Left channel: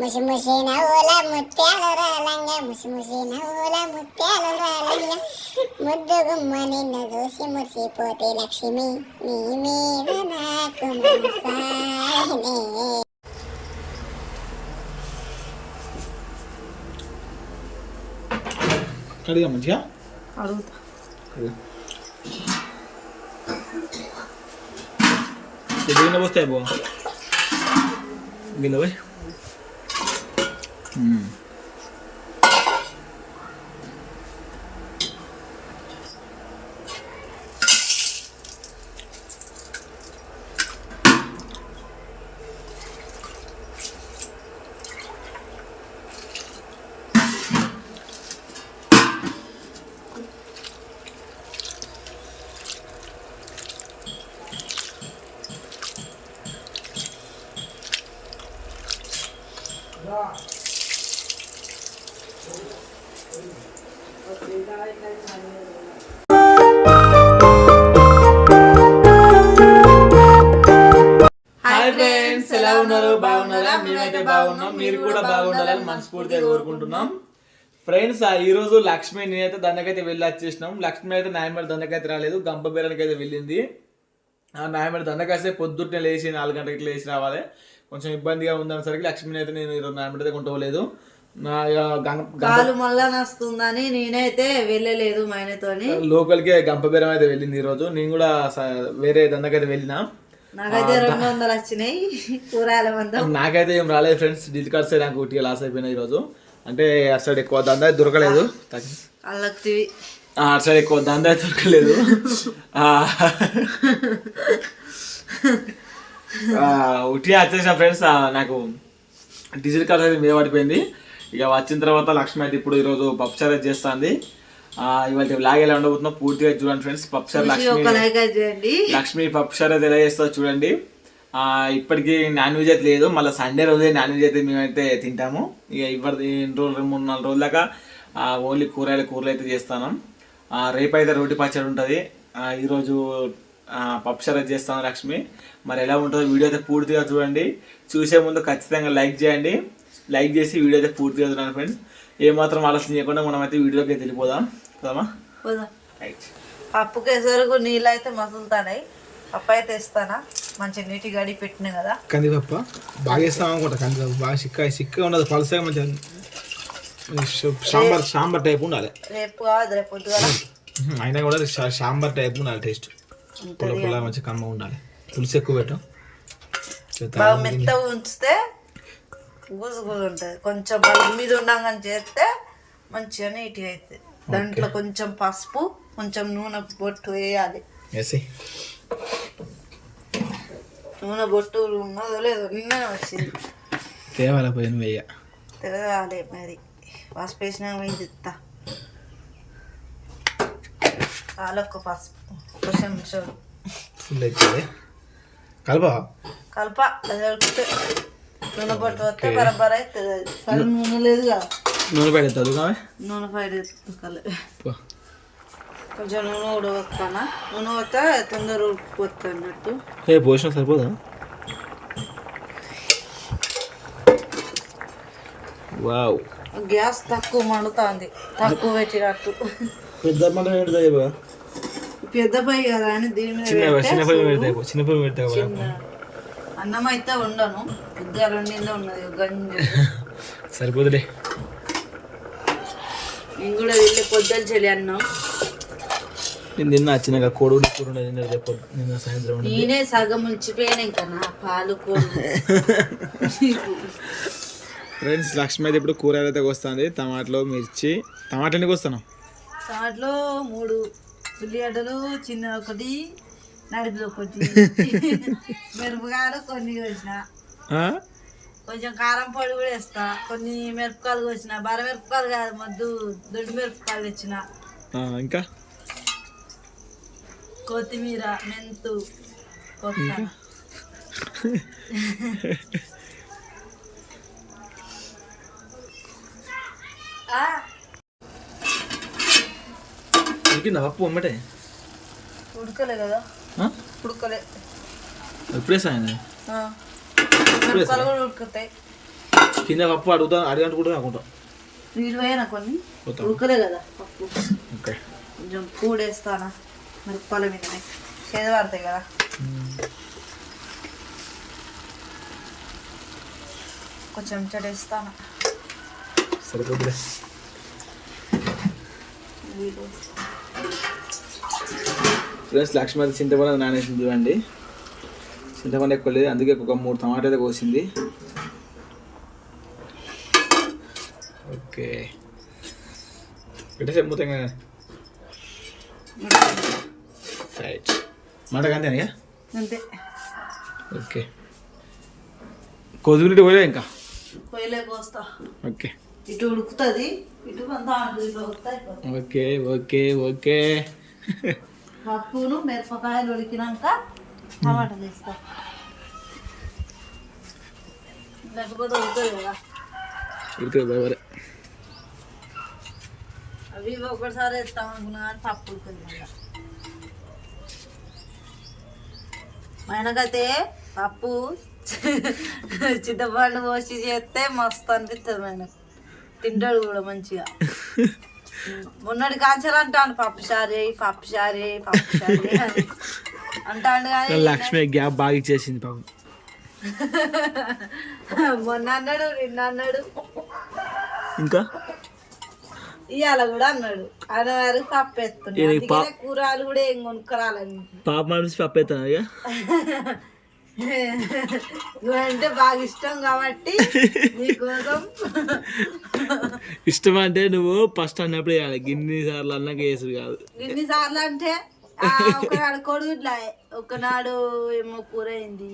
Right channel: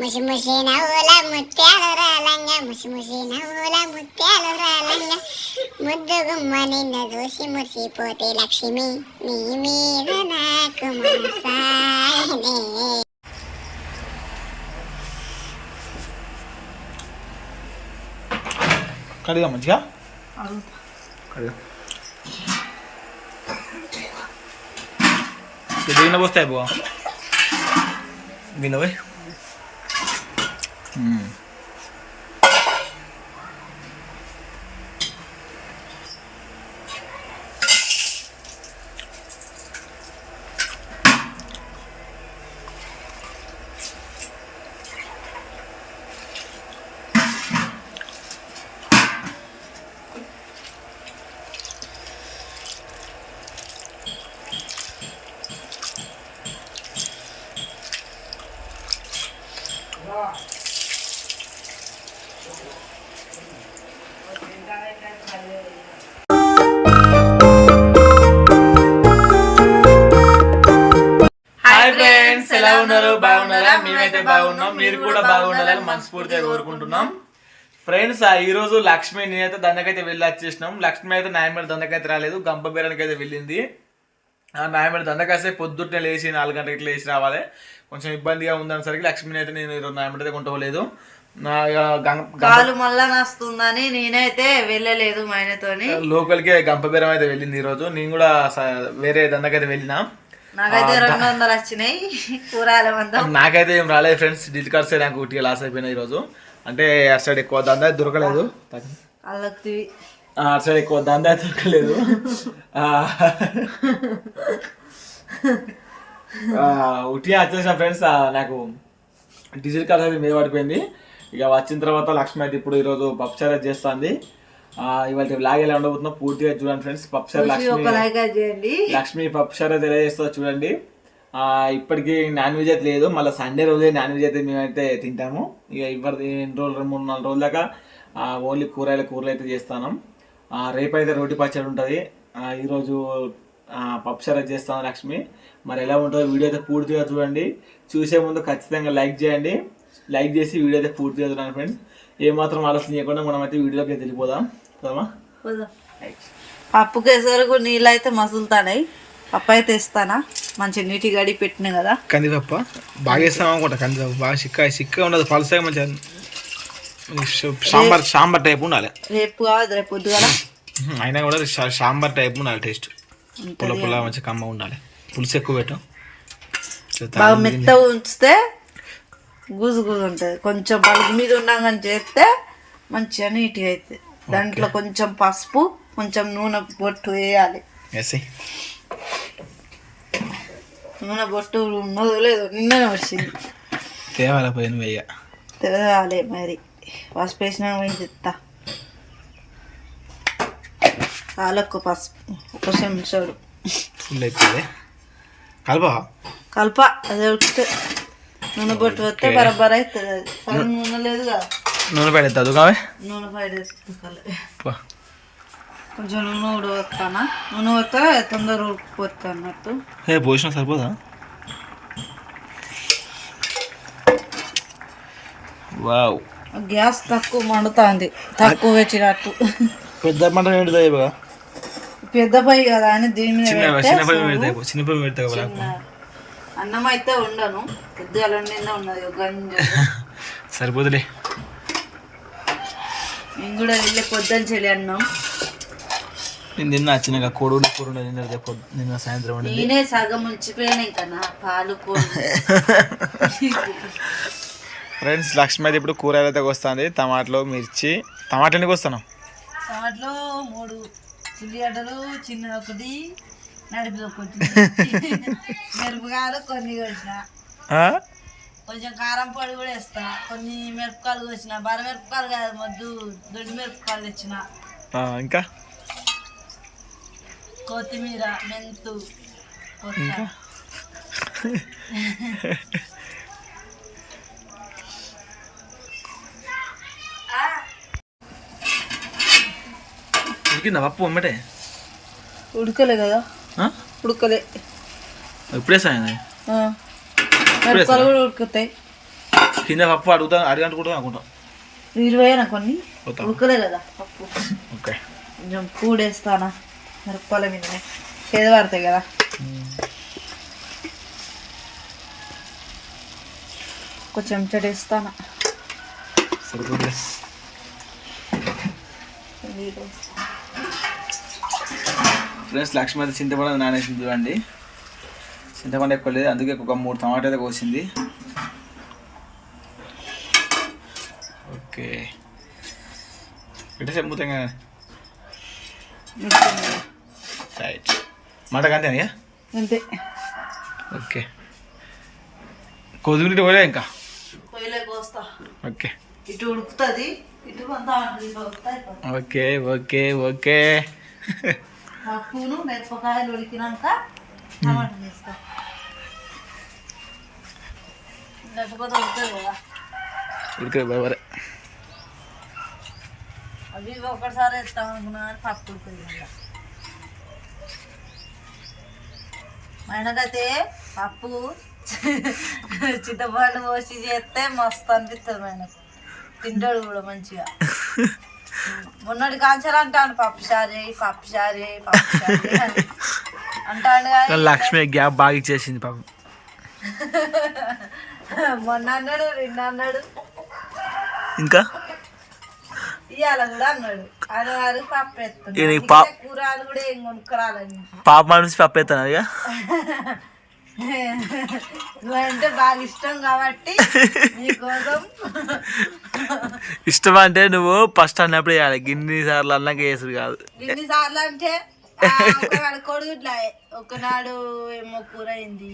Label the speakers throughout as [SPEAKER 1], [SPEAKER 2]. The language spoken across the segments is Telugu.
[SPEAKER 1] ముసి ముసి నవ్వుల ముత్యాలు రాలంగా ముసి ముసి నవ్వుల ముత్యాలు రాలంగా ముద్దు గుమ్మ నిన్న చూసి మురిసిపోతే లక్ష్మి నీ మీద నాకు
[SPEAKER 2] కడిగా మంచిగా? అడుగుతా. కడిగా. గిన్నె పోస్తాయి బో? గిన్నె పోయి? మ్మ్. మేమైతే బాగున్నాం మీరు కూడా బాగుండాలని మనస్ఫూర్తిగా కోరుకుంటున్నాం. ఫ్రెండ్స్ ఆ ఈ రోజు లక్ష్మి నేనైతే దండకైతే వెళ్ళి వచ్చేసినాం. లక్ష్మి అయితే నాయమేడ దండకైతే రాలేదు గంప బీరానికి అయితే వెళ్ళింది. ఆ నాయమేడ దండకాస్తే పొద్దున్నే లేచి నాలుగు గంటలకి లేచి రావాలి. కొంచెం ఇబ్బందిగా ఉందనేసరికి లక్ష్మిని అయితే నేను ఈరోజు నాయమేడ అయితే కొంటలేదు కాలు మళ్ళా నస్తుందని నేనైతే వెళ్ళలేదు మా ఆయనతోని. లోకల్కి గంప బీరం అయితే వెళ్ళింది ఈరోజు. నేను కూడా వేరే దండకైతే వెళ్ళినా.
[SPEAKER 1] నాకైతే రెండు వందలు వచ్చినాయి. కూరగాయల మందం.
[SPEAKER 2] నాకైతే ఏం రాలేదు ఫ్రెండ్స్ డిల్ కార్డ్స్ నాకు ఒకటి లాస్ అయిపోయినాయి ఈరోజు. అంటే అటు సైడ్ ఎక్కువ దందా దొరకలేదు. అల్లక్తివి. అటు సైడ్ ఎక్కువ దందా దొరకలేదు. ఉట్టి వచ్చేసిన ఫ్రెండ్స్ నాకు డిజిల్ కార్డ్ అయితే మీద పడిపోయింది. ఇక వచ్చిన తర్వాత లక్ష్మి అయితే ఇప్పుడు ఈరోజు అయితే చేస్తుంది. ఇవాళ బ్లాగ్ ఎలా ఉండబోతుందో పూర్తిగా చూడండి ఫ్రెండ్స్. ఒక లక్ష్మి లక్ష్మి ఎలా చేస్తుందో చూడండి. ఇప్పటికి నాన్ వెజ్ అయితే లేదు. మళ్ళీ సండే రోజే నాన్ వెజ్ అయితే మేమైతే తింటాము. ఇక ఇవ్వరు ఎన్ని రోజులు రెండు మూడు నాలుగు రోజుల దాకా ఓన్లీ కూరగాయల కూరలు అయితే చేస్తాను. రేపైతే రోటి పచ్చడి ఉంటుంది. ఈరోజు అయితే చేస్తాను లక్ష్మి. మరి ఎలా ఉంటుందో వీడియో అయితే పూర్తిగా చూడండి. చూసే ముందు ఖచ్చితంగా లైక్ చేయండి. లైక్ చేసి వీడియో అయితే పూర్తిగా చూడండి ఫ్రెండ్స్. ఏమాత్రం ఆలస్యం చేయకుండా మనం అయితే వీడియోకి వెళ్ళిపోదాం.
[SPEAKER 1] పప్పు కేసరకు నీళ్ళు అయితే మసులుతాయి పప్పు అయితే ఇస్తానా? మంచి నీటి గడి పెట్టిన కదా.
[SPEAKER 2] కందిపప్ప. బాగా వేస్తాం అనుకుంటా కందిపప్పు. బాగా చిక్క చిక్కగా ఉండదు పలసగా మంచిగా సాంబార్ సాంబార్ టైప్ ఉండాలి.
[SPEAKER 1] రేపు కాదు రేపు పొద్దుగల.
[SPEAKER 2] అయినా కూడా సాంబార్ టైప్ ఉండాలి టేస్ట్. పుల్ల పుల్ల మంచిగా కమ్మ ఉండాలి. పులుసు ఎక్కువ పెట్టు.
[SPEAKER 1] మెత్త ఉంచితే గుజు గుజు ఉంటుంది. కొంచెం మీద ఉండగానే చేస్తే మంచిగా నీట్గా అవుతుంది దాంట్లో కొంచెం పసుపు కొంచెం నూనె బొట్టు వేయాలి. నూనె బొట్టు ఉన్నదో లేదో నిన్ననే వచ్చింది.
[SPEAKER 2] తేవాల పోయిన వెయ్య
[SPEAKER 1] తెలియాలి మరి. పసుపు వేసిన పోయి చెప్తా. పాలకు పసుపు ఒక చెంచాడు.
[SPEAKER 2] ఫుల్ అయిపోయింది. కలపా.
[SPEAKER 1] కలప అది నూనె బొట్టు వస్తే బరబర అవుతుంది. నూనె లేదుగా.
[SPEAKER 2] నూనె పెడతా చదువుకామే
[SPEAKER 1] నూనె బయట కొంచెం నూనె కూడా వస్తానా నూనె వస్తే తొందర అన్నట్టు.
[SPEAKER 2] ఏ పోసిన సరిపోదా? వావ్.
[SPEAKER 1] గ్యాస్ తక్కువ మండుతుంది. తక్కువ పెట్టినట్టు.
[SPEAKER 2] పెద్ద మంట ఏంటిదా ఇవ్వ?
[SPEAKER 1] పెద్ద పొయ్యి కదా అని దీని మీద
[SPEAKER 2] చిన్న చిన్న పొయ్యి పెడతా ఇవ్వ. చిన్న పొయ్యి పెడతా ఇవ్వ. చిన్న.
[SPEAKER 1] అన్నం అయితే ఉండను పొద్దుగా నిన్న ఉన్నది గంజ. సరిపోతులే నేను కూడా వెళ్ళి పొద్దున్న చెల్లి అన్నం.
[SPEAKER 2] నేను చిన్నగా కోడి కూర నిన్న రేపు నిన్న సాయంత్రం ఉండే
[SPEAKER 1] నేనే సగం ఉంచిపోయాను ఇంకా నా పాలు కూర
[SPEAKER 2] ఫ్రెండ్స్ లక్ష్మి అయితే ఇప్పుడు కూరగాయలు అయితే వస్తుంది. టమాటాలు మిర్చి. టమాటా ఎందుకు వస్తాను
[SPEAKER 1] దాంట్లో మూడు ఉల్లిగడ్డలు చిన్న ఒకటి నడిపి ఒకటి మిరపకాయలు కొన్ని కోసిన. కొంచెం కారం పొడి కూడా వేస్తా. కొన్ని మిరపకాయలు కోసిన బర మిరపకాయలు కాదు మొద్దు దొడ్డు మిరపకాయలు తెచ్చిన. ఇంకా? కొత్తిమీర మెంతు
[SPEAKER 2] కొత్త. ఉడికిందా పప్పు అమ్మటే?
[SPEAKER 1] ఉడకలే కదా. ఉడకలే. ఇప్పుడే సాయం ఉడుకుతాయి
[SPEAKER 2] కింద పప్పు అడుగుతా అడిగంటుకుంటా అనుకుంటాం.
[SPEAKER 1] ఇరవైనా కొన్ని. ఉక్కలే కదా
[SPEAKER 2] పప్పు. ఓకే.
[SPEAKER 1] కొంచెం కూడేస్తానా? మిరపకాయల మీదనే. చేదు పడతాయి కదా. కొంచెం చెడేస్తానా?
[SPEAKER 2] సరిపోతుంది ఫ్రెండ్స్ లక్ష్మి చింతపండు నానేసింది చూడండి. చింతపండు ఎక్కువ లేదు అందుకే ఒక మూడు టమాటా అయితే కోసింది. ఓకే. పెట్టేసి కదా రైట్ మాట అంతేనా అంతే. ఓకే. కొద్దిమినిట్ పోలే ఇంకా? ఓకే.
[SPEAKER 1] ఇటు ఉడుకుతుంది ఇటు
[SPEAKER 2] ఓకే ఓకే ఓకే.
[SPEAKER 1] పప్పును మిరపకాయలు ఉడికినాక
[SPEAKER 2] ఉడికే బాబరే
[SPEAKER 1] అవి ఇవి ఒకటిసారి వేస్తాం అనుకున్నా కానీ పప్పు ఉడుకుంది మళ్ళీ. మా ఆయనకైతే పప్పు చింతపండు పోసి చేస్తే మస్తు అనిపిస్తుంది ఆయనకు. తింటాడు కూడా మంచిగా. మొన్నటి కాంచాలు అంటాను పప్పు చారే పప్పు చారే
[SPEAKER 2] పప్పు కానీ లక్ష్మి గ్యాప్ బాగా ఇచ్చేసింది పాపం.
[SPEAKER 1] మొన్న అన్నాడు నిన్న అన్నాడు. ఇంకా? ఇవాళ కూడా అన్నాడు. ఆయన గారు పప్పు ఎత్తున్నాడు కూరలు కూడా ఏం కొనుక్కరాలని.
[SPEAKER 2] పాప మనిషి పప్పు ఎత్తాను ఇక?
[SPEAKER 1] నువ్వంటే బాగా ఇష్టం కాబట్టి నీకోసం
[SPEAKER 2] ఇష్టం అంటే నువ్వు ఫస్ట్ అన్నప్పుడు వేయాలి గిన్ని సార్లు అన్నాక వేసుడు కాదు.
[SPEAKER 1] ఎన్నిసార్లు అంటే ఒకనాడు కొడుగుట్లా ఒకనాడు ఏమో కూర అయింది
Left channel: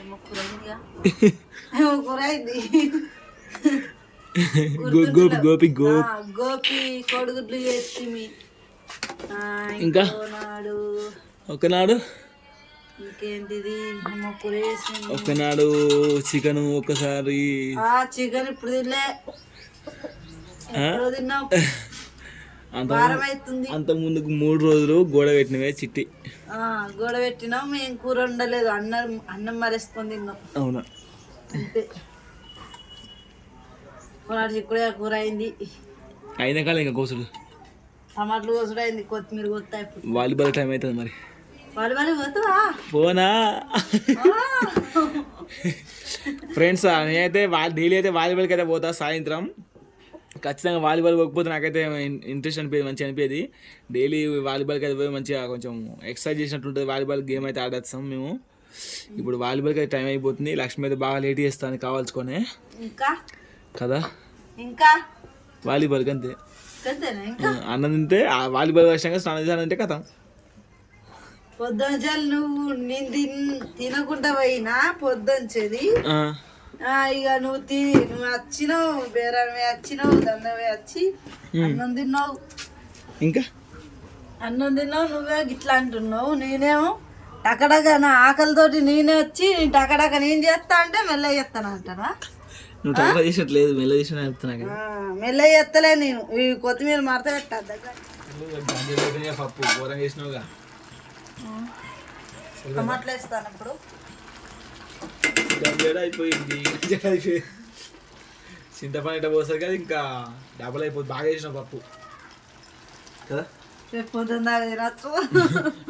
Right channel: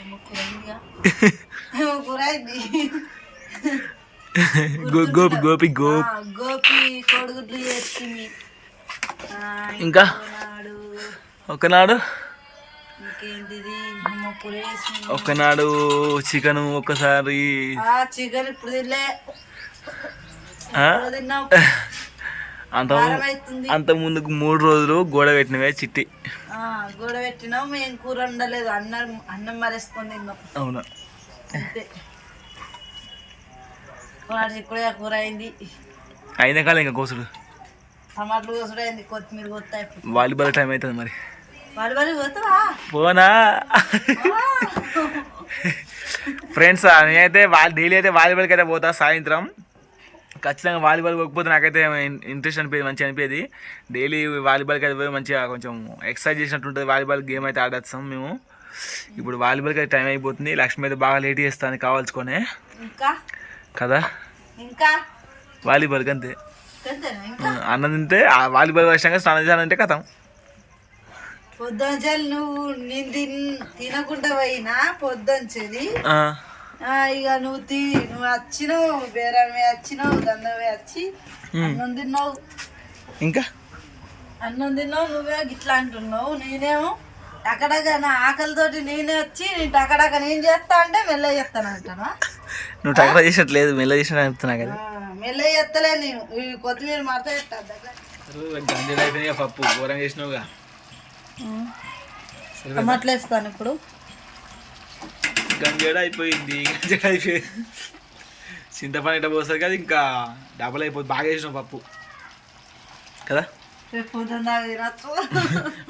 [SPEAKER 1] ఏమో కూర అయిందిగా ఏమో కూర అయింది
[SPEAKER 2] గో- గోపి గోపి గో ఆ,
[SPEAKER 1] గోపి కొడుగుడ్లు చేసింది
[SPEAKER 2] ఆ, ఇంకా? ఒకనాడు? ఒకనాడు చికెన్ ఒకసారి
[SPEAKER 1] ఆ చికెన్ ఇప్పుడు తినలే. తిన్నాం అంత అంత ముందుకు మూడు రోజులు గోడ పెట్టినవే చిట్టి. గోడ పెట్టినాం మేము కూర వండలేదు అన్నం అన్నం మరేసుకొని తిన్నాం.
[SPEAKER 2] అవును? అంతే.
[SPEAKER 1] కొనాడు చిక్కుడు కూర అయింది.
[SPEAKER 2] అయిన కాలం ఇంకా కోసుడు?
[SPEAKER 1] టమాటాలు కోసుడు అయింది కొత్తిమీర కొత్త
[SPEAKER 2] వాలీబాల్ టైం అవుతుంది మరి.
[SPEAKER 1] వాళ్ళు పోతావా?
[SPEAKER 2] పోనా? ఫ్రెండ్స్ నేనైతే వాళ్ళు డైలీ అయితే వాలీబాల్కి అయితే పోతా సాయంత్రం. ఖచ్చితంగా వాలీబాల్ పోకపోతే నాకైతే ఇంట్రెస్ట్ అనిపించేది మంచిగా అనిపించేది డైలీ వాలీబాల్కి అయితే పోయి మంచిగా కొంచెం ఎక్సర్సైజ్ చేసినట్టు ఉంటుంది వాలీబాల్ గేమ్ అయితే ఆడేస్తాం మేము. ఇప్పుడు వాలీబాల్కి అయితే టైం అయిపోతుంది. లక్ష్మి అయితే బాగా లేట్ చేస్తాను కావాల్సుకొని ఇంకా? కదా? ఇంకా? వాలీబాల్కి అంతే. అన్నం తింటే ఆ వాలీబాల్ వచ్చాక స్నానం చేయాలంటే కథం
[SPEAKER 1] పొద్దుంచాలి నువ్వు నేను తిన్ తినకుండా పోయినా పొద్దుంచేది ఆ, ఇక నువ్వు తీ నువ్వు వచ్చినావు బేరమే వచ్చినావు దండమే వచ్చి అన్నం తిన్నావు. ఇంకా? అన్నం తిన్నావు నువ్వే గిట్లా అంటున్నావు నేనేమో టకడక నా ఆకలితోటి నేనే వచ్చి నేను టకడక నేను చేస్తా అంటే మెల్ల చేస్తాను అంటానా?
[SPEAKER 2] నువ్వు టైం చేసినట్లేదు మెల్ల చేసినట్టు చెప్తున్నా కదా.
[SPEAKER 1] మెల్ల చేస్తలే నేను. ఈ కొత్తిమీర మడత పెట్టా
[SPEAKER 2] దగ్గర పప్పు ఘోరంగా చేసినావుగా. ఇప్పుడు. గంజడ అయిపోయింది. గంజడ అయిపోయింది. చింతపండు ఇట్లా పోస్తారు కదా ఇంకా డబల్ అయిపోతుంది. బాగా చేసినావు పప్పు. కదా?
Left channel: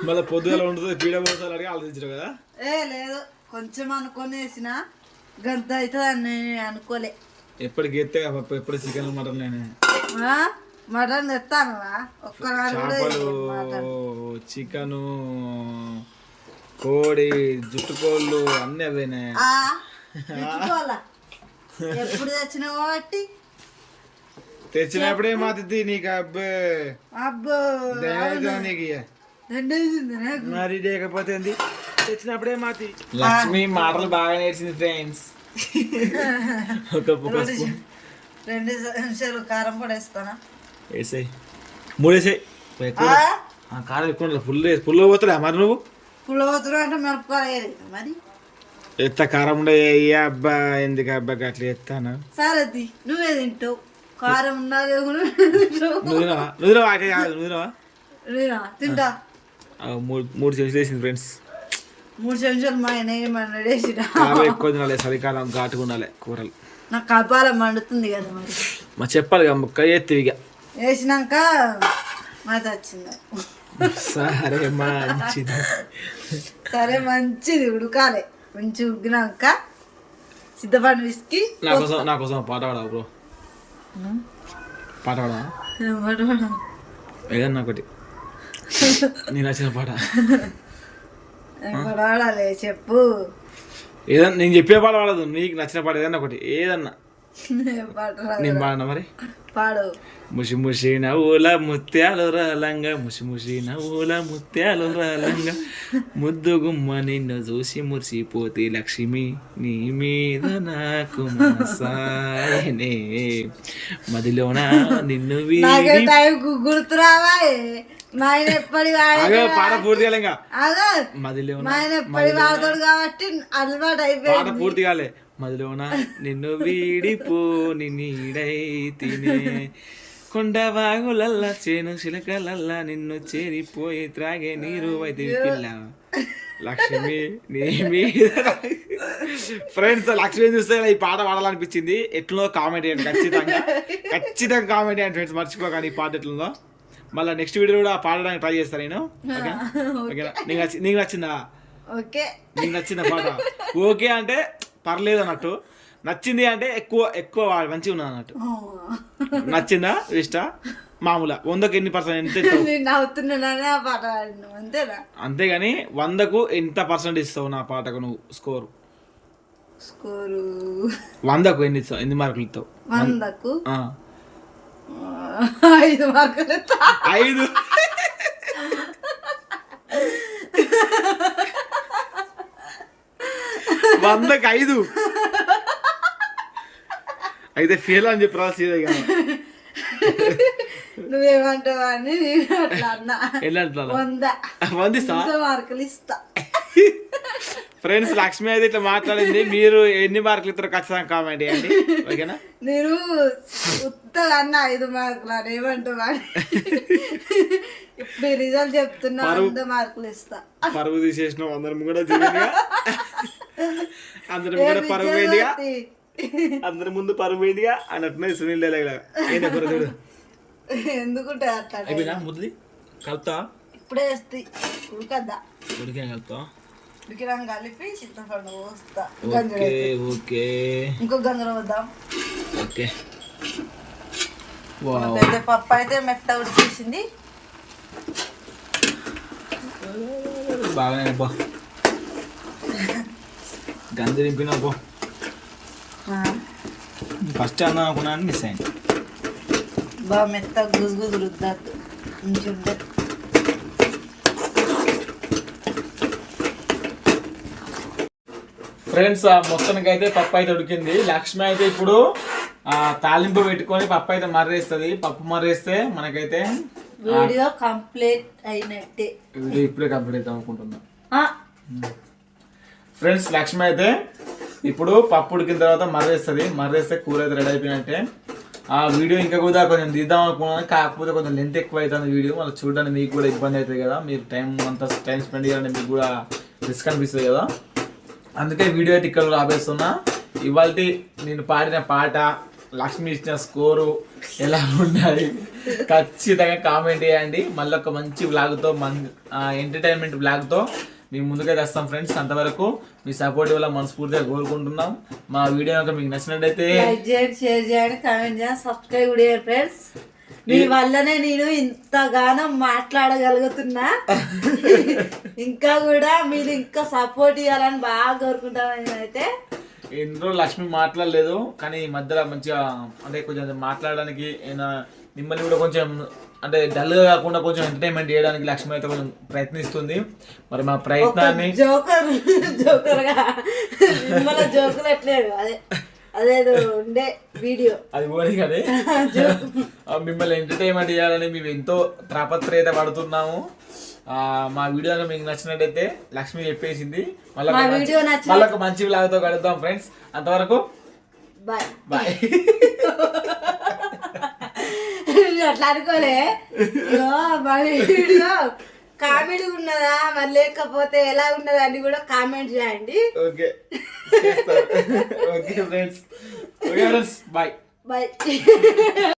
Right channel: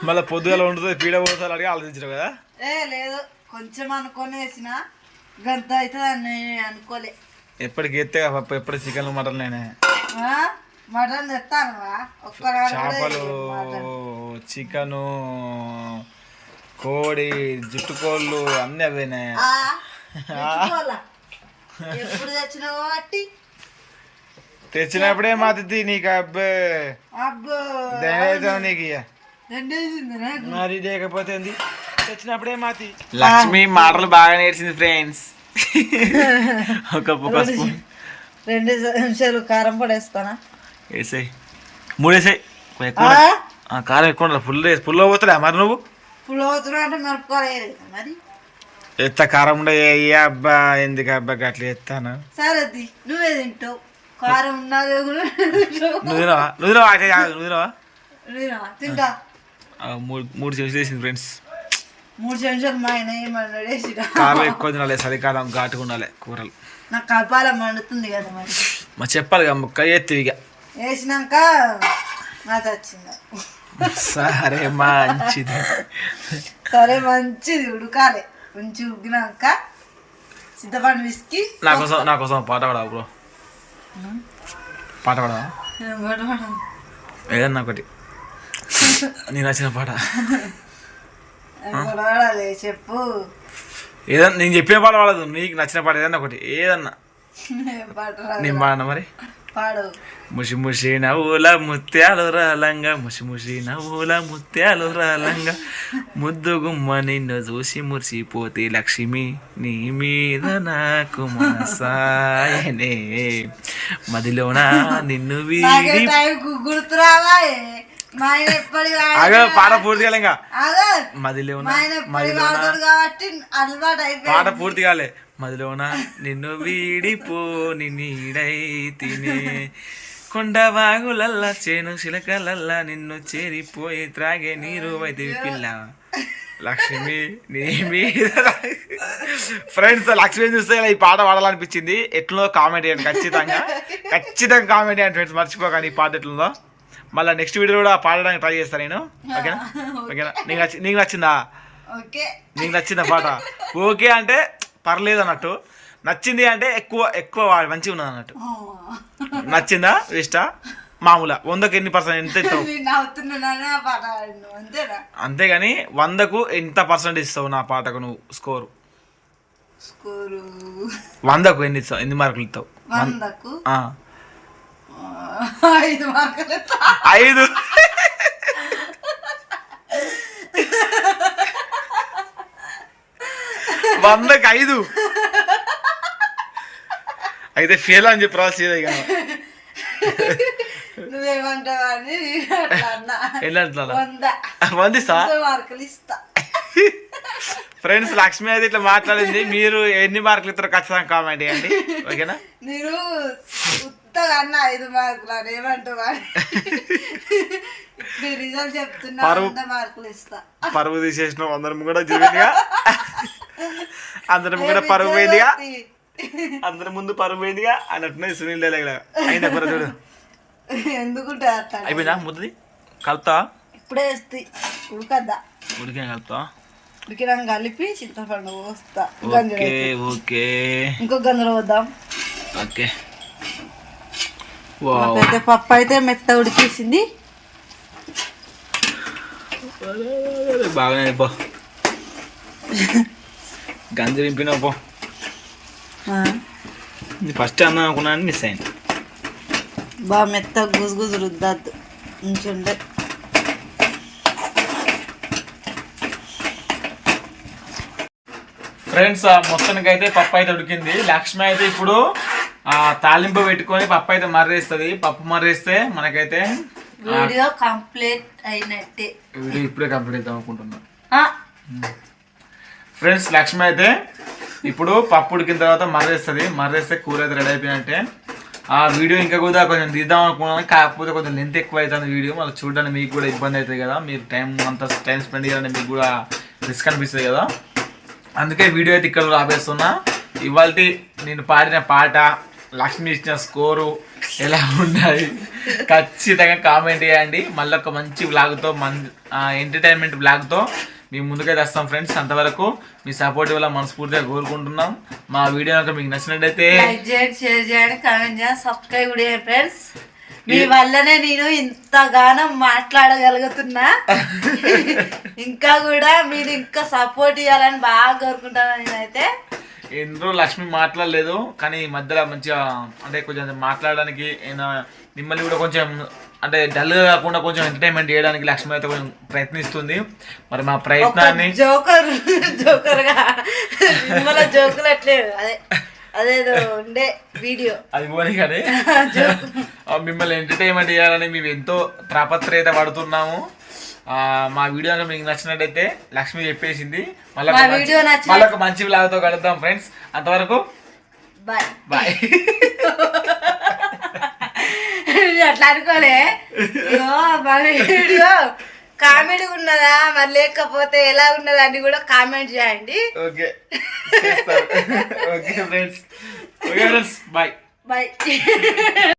[SPEAKER 2] మళ్ళీ పొద్దుగాల ఉంటుంది పీడ పోతారు అడిగి ఆలోచించరు కదా?
[SPEAKER 1] ఏ లేదు. కొంచెం అనుకొని వేసిన గంత అవుతుంది అని అనుకోలే.
[SPEAKER 2] ఎప్పటికి ఎత్తే పప్పు ఎప్పుడు చికెన్ మటన్ నేనే?
[SPEAKER 1] మటన్ కూడా
[SPEAKER 2] చేపలు. చికెను కోడి జుట్టుకోళ్ళు అన్నీ అవేనే.
[SPEAKER 1] ఆ, తెచ్చుకోవాలా? ఎప్పుడు తెచ్చినావు కాబట్టి
[SPEAKER 2] తెచ్చినప్పుడే మాది నీకు అబ్బే. అబ్బో నీకు మరి లేకపోతే ఏంది? తెచ్చినప్పుడే మాతి లక్ష్మి మాటలు బాగా నేర్చింది ఫ్రెండ్స్.
[SPEAKER 1] ఒక ఒక స్పూన్ రెండు నిమిషాలు కారం పడేస్తానా
[SPEAKER 2] వేసాయి. మూడు వేసాయి ఎక్కువ ఆ, కారం ఎక్కువ ఫుల్ వేసి ఫుల్ పోతుందా మరి నువ్వు?
[SPEAKER 1] పులోతులు అంటే మిరపకాయ వేయాలి కదా మరి?
[SPEAKER 2] ఎత్త కారం ఉండే అబ్బా ఎందుకు అబ్బా అట్లా ఎత్తాను?
[SPEAKER 1] సరే నువ్వే తింటావు కారం ఉన్నాగా
[SPEAKER 2] కూడా నువ్వు తినవా? నువ్వు తినవా? అయితే కాదు, నువ్వు తినవా?
[SPEAKER 1] నేనా? తింటా.
[SPEAKER 2] ఆ, మూడు మూడు చెంచులు వేసింది ఫ్రెండ్స్.
[SPEAKER 1] మూడు చెంచాలు మా ఆయన ఏమన్నాడు వేసిన?
[SPEAKER 2] కారం ఎక్కువ తినాలి చలికాలం ఘాటుగా ఉండాలి కూరలు.
[SPEAKER 1] నాకు కపాలం మండుతుంది కదా మరి.
[SPEAKER 2] మా చెప్పాలి కదా ముక్క ఎత్తి ఇక.
[SPEAKER 1] వేసినాక మాత వచ్చింది
[SPEAKER 2] సరే మంచిది
[SPEAKER 1] సరే మంచిది ఉడకాలి మంచి ఉడికినాక సిద్ధపండు విసికి
[SPEAKER 2] నా కోసం నా కోసం పాట పాడవా బ్రో పాట పాడవా ఏదన్నా ఒకటి నేను నచ్చిన పాట
[SPEAKER 1] వాడాలి చెప్పు
[SPEAKER 2] ఏదన్నా నేను చెప్పిన పాట పాడదు నీకు నచ్చిన పాట ఏదన్నా ఒకటి ఏదన్నా. నేను పాడనా మరి పాడు. ముషి ముషి నవ్వుల ముత్యాలు రాలంగా ముషి ముషి నవ్వుల ముత్యాలు రాలంగా. ముద్దు గుమ్మ నిన్ను చూసి మురిసిపోతే లక్ష్మి నీ మీద నాకు మనసాయనే. మదిలోన నిన్ను నాకే వీడి
[SPEAKER 1] టైం గు- గుర్తు రావాయే మా ఆయన ఎప్పటి ఆగ
[SPEAKER 2] పాట పూర్తి కాలే ఇంకా. అదే మదిలోన మా ఆయన
[SPEAKER 1] ఎప్పటి వాడతాడు కాబట్టి అలవాటు అయిపోయింది.
[SPEAKER 2] పాట పూర్తి కాలే. మదిలోన నిన్ను వీడిపోని నీడై తినే కొండ వాగులల్లా చేను చిలకలల్లా నిన్ను చేరిపోయి త్రాగే నీరు అయితే పిల్ల. లక్ష్మి నీ మీద ఫ్రెండ్స్ లక్ష్మి చూస్తే ఇలా ఈ పాట పాడాలనిపించింది. ఎట్లుందో కామెంట్ చేయండి ఖచ్చితంగా. ఖచ్చితంగా కామెంట్ చేయండి ఫ్రెండ్స్ మర్చిపోకండి ఈ పాట ఎట్లుందో. మళ్ళీ నెక్స్ట్ వీడియో కూడా పాడడానికి ట్రై చేస్తాను నేను. ఓకేనా? ఓకేనా? నీకు నచ్చి నీకు నచ్చిందా? ఓకే. నీకు నచ్చిందా పాట? ఓకే అంటే పర్లేదు అన్నట్టు నచ్చింది అంటే ఎక్కువ ఎక్కువ మంచిగా ఉన్నది అన్నట్టు. నచ్చిందా? ఇష్టా? మామూలుగా వందకు ఎన్ని పర్సెంట్ ఎంత ఇస్తావు? అంతేగాని వందకు ఎంత పర్సెంట్ ఇస్తావు నా పాటకు నువ్వు? స్కోరు. స్కోరు. వందకు ఎన్ని ఇస్తావు? ఎన్ని మార్కులు ఇస్తావు?
[SPEAKER 1] వందకు? ఐదు మార్కులు. ఐదు.
[SPEAKER 2] వందకు ఐదు అయితే ఫెయిల్ అని చెప్పి రాసేదే ఇక.
[SPEAKER 1] నువ్వేమంటావు అని వందిస్తా? మార్కులు ఇస్తా.
[SPEAKER 2] ఫ్రెండ్స్ లక్ష్మి అయితే ఇట్లా మాట్లాడింది. మీరు ఎన్ని మార్కులు ఇస్తారో ఖచ్చితంగా కామెంట్ చేయండి. ఓకేనా?
[SPEAKER 1] నేను ఉత్తగా అన్న ఐదు మార్కులు అని. ఏమంటావు ఇప్పుడు రిజల్ట్ చెప్తున్నా వంద మార్కులు ఇస్తా.
[SPEAKER 2] పరువు తీసేసిన అందరం కూడా చూపిందిగా అందరం కూడా పరువు పోయిందిగా అందరి ముందు పరువు పోయిందిగా అన్నట్టునే సునీల్ డైలాగ్ అయినా కూర చూడు.
[SPEAKER 1] ఎందుకుంటే అట్లా
[SPEAKER 2] అయిపోయిందా ముద్దది? కలుపుతా?
[SPEAKER 1] ఇప్పుడే వేస్తాయి ఉడకద్దా ఉడికే కలుపుతా? ఉడికినాక కలిపి చింతపండు పోస్తా.
[SPEAKER 2] Okay okay.
[SPEAKER 1] ఇంకో గంజలు వద్దాం
[SPEAKER 2] ఓకే. వావ్. అయితే
[SPEAKER 1] పప్పు అయితే మెత్త ఉడికేసింది.
[SPEAKER 2] బాగానే పో గంజి నింపినావు పో. ఫస్ట్ అందాం అనుకున్నాను మిస్ అయింది.
[SPEAKER 1] బాగా మెత్త గుజు గుజు రుద్దద్దు. ఉంచుండే
[SPEAKER 2] ఫ్రెండ్స్ మొత్తానికి అయితే పప్పు అయితే ఉడికింది. లక్ష్మి అయితే ఇప్పుడు ఆ, తాలింపు పెట్టుకొని పప్పు అయితే మర్రేస్తుంది. పప్పు మర్రేస్తే మనకైతే
[SPEAKER 1] వీడియో కంప్లీట్ అయినట్టే.
[SPEAKER 2] వీడియో ఇప్పుడే కంప్లీట్ అవుతాం అనుకుంటున్నా. ఆ, ఫ్రెండ్స్ లక్ష్మి అయితే ఇప్పుడు పప్పు ఉడికిన తర్వాత మర్రేస్తుంది. మర్రేస్తే కూర అయితే రెడీ అయిపోయినట్టే. ఆ వీడియో ఇంకా కూడా కొంచెం తీద్దాం అనుకున్నాను. కాకపోతే కొంచెం లెంత్ ఎక్కువ అవుతుంది వీడియో. మళ్ళీ చూడడానికి మీకు కూడా ఇబ్బంది అవుతుంది కదా. మీరు టైం అంతా టైం స్పెండ్ చేయాలంటే మీకు కూడా రిస్క్ అనిపిస్తుంది కదా. అందుకే వీడియో అయితే ఇక్కడ ఆపేస్తున్నా ఇవాళ నేను పాడిన పాట లక్ష్మి ఇచ్చిన స్కోరు ఎలా ఉండాలి ఖచ్చితంగా కామెంట్ చేయండి. మళ్ళీ ఒక మంచి బ్లాగ్తో మన్ ఎంటర్టైన్మెంట్ బ్లాగ్తో మీ ముందుకైతే వస్తాం ఫ్రెండ్స్. అంతవరకు మీ సపోర్ట్ వల్ల మనస్ఫూర్తిగా కోరుకుంటున్నాం. మా వీడియో కనుక మీకు నచ్చినట్టయితే
[SPEAKER 1] లైక్ చేయండి షేర్ చేయండి కామెంట్ చేయండి సబ్స్క్రైబ్ కూడా చేయండి ఫ్రెండ్స్. మీ వల్లనే నేను ఇంతగానం మాట్లాడగలుగుతున్నా. ఇంకా కూడా మీరు ఇంకా సపోర్ట్ ఇవ్వాలని బాగా కోరుకుంటాను నేనైతే.
[SPEAKER 2] రోజులు లక్ష్మి మాట్లాడలేదు కానీ ఈ మధ్యలో మంచిగా అంటే కొంచెం మాట్లాడడానికి మిమ్మల్ని కూడా కొంచెం అంటే డల్గా కాకుండా కొంచెం ఎంటర్టైన్మెంట్ చేయడానికి లక్ష్మి అయితే కొంచెం ప్రయత్నిస్తుంది. మరి మా ప్రయత్నాన్ని
[SPEAKER 1] జోకర్ జోకర్ జోకులు అట్లేదు అదే అదేదో ఉండే వీడియో
[SPEAKER 2] అది పోనీ కానీ ఆ, మిమ్మల్ని ఎంటర్టైన్మెంట్ చేయాలని మేము ఎంతో తాపత్రయత పడుతున్నాము. మా వీడియో మీకు నచ్చినట్టయితే లక్ష్మి చెప్పేసింది. మళ్ళీ మళ్ళీ ఒక మంచి కలుద్దాం ఫ్రెండ్స్. అంతవరకు
[SPEAKER 1] బాయ్. బాయ్. అట్లా అనుకోలే. వీడియో కామెడీ ఉన్నదా? మరి లేకపోతే ఎలా ఉన్నదా అని కూడా కామెంట్ చేయండి.
[SPEAKER 2] Okay. Okay friends okay friends bye bye